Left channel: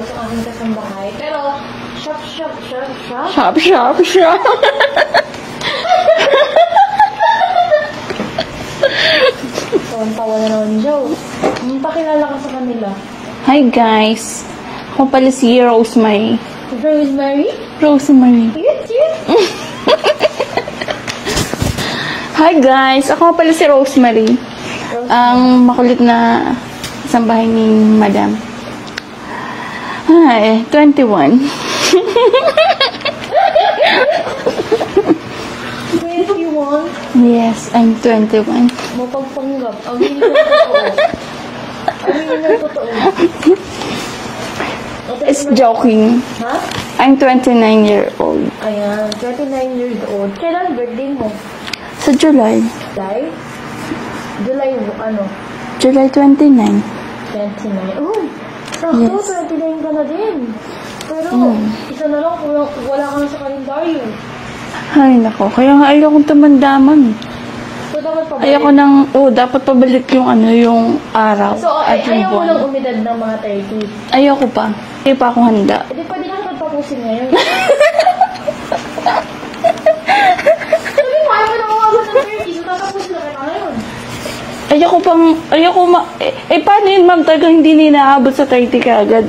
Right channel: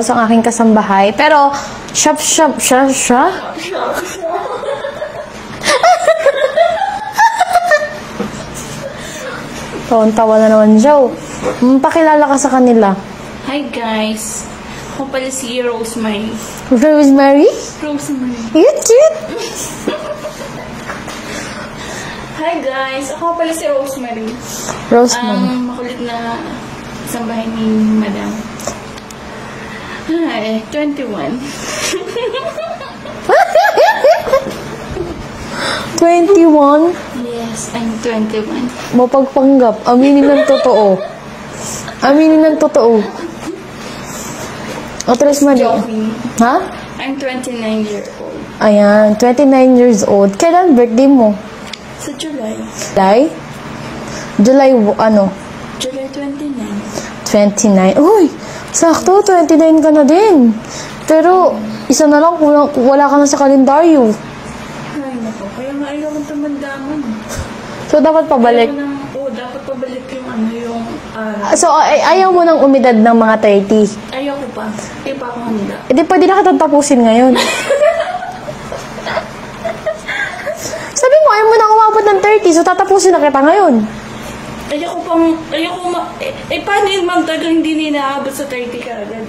Rose, ang aking kasambahay. Pero, shop. Tawan-tawa na naman siya. Pakilala ka sa kanila. Hi guys. Ako pala si Rosemary. Rosemary? Rosemary. Cute. Hi guys. Ako pala si Rosemary. Ang makulit na kasambahay ni Madam. Hi, 21. 21? Yes, I'm 21. Mapagpanggap. Aminin ng totoo. Aminin ng totoo. At least Joking. Ha? I'm 29 years old. Ayan, 29 years old. Kailan birthday mo? Sa July. July ano? July 29. 29. Uy, sakto, 29 ka na din. Pero, isa na lang kung wala ka na sa kalendaryo. Ay, nako. Kaya nga ayokong tumandaman. So, dapat pabalik? Dapat pabalik yung yung araw. So, ayaw mo ng umidad ng mga 30? Ayoko pa. Hindi pa ako handa. Hindi, pwede na kita tapusin ngayon. Sabi mo, ayaw mo na umabot ng 30, so tatapusin na kita ngayon. Paano yun, ma'am? Talagang hindi ninaabot sa 30 ka agad.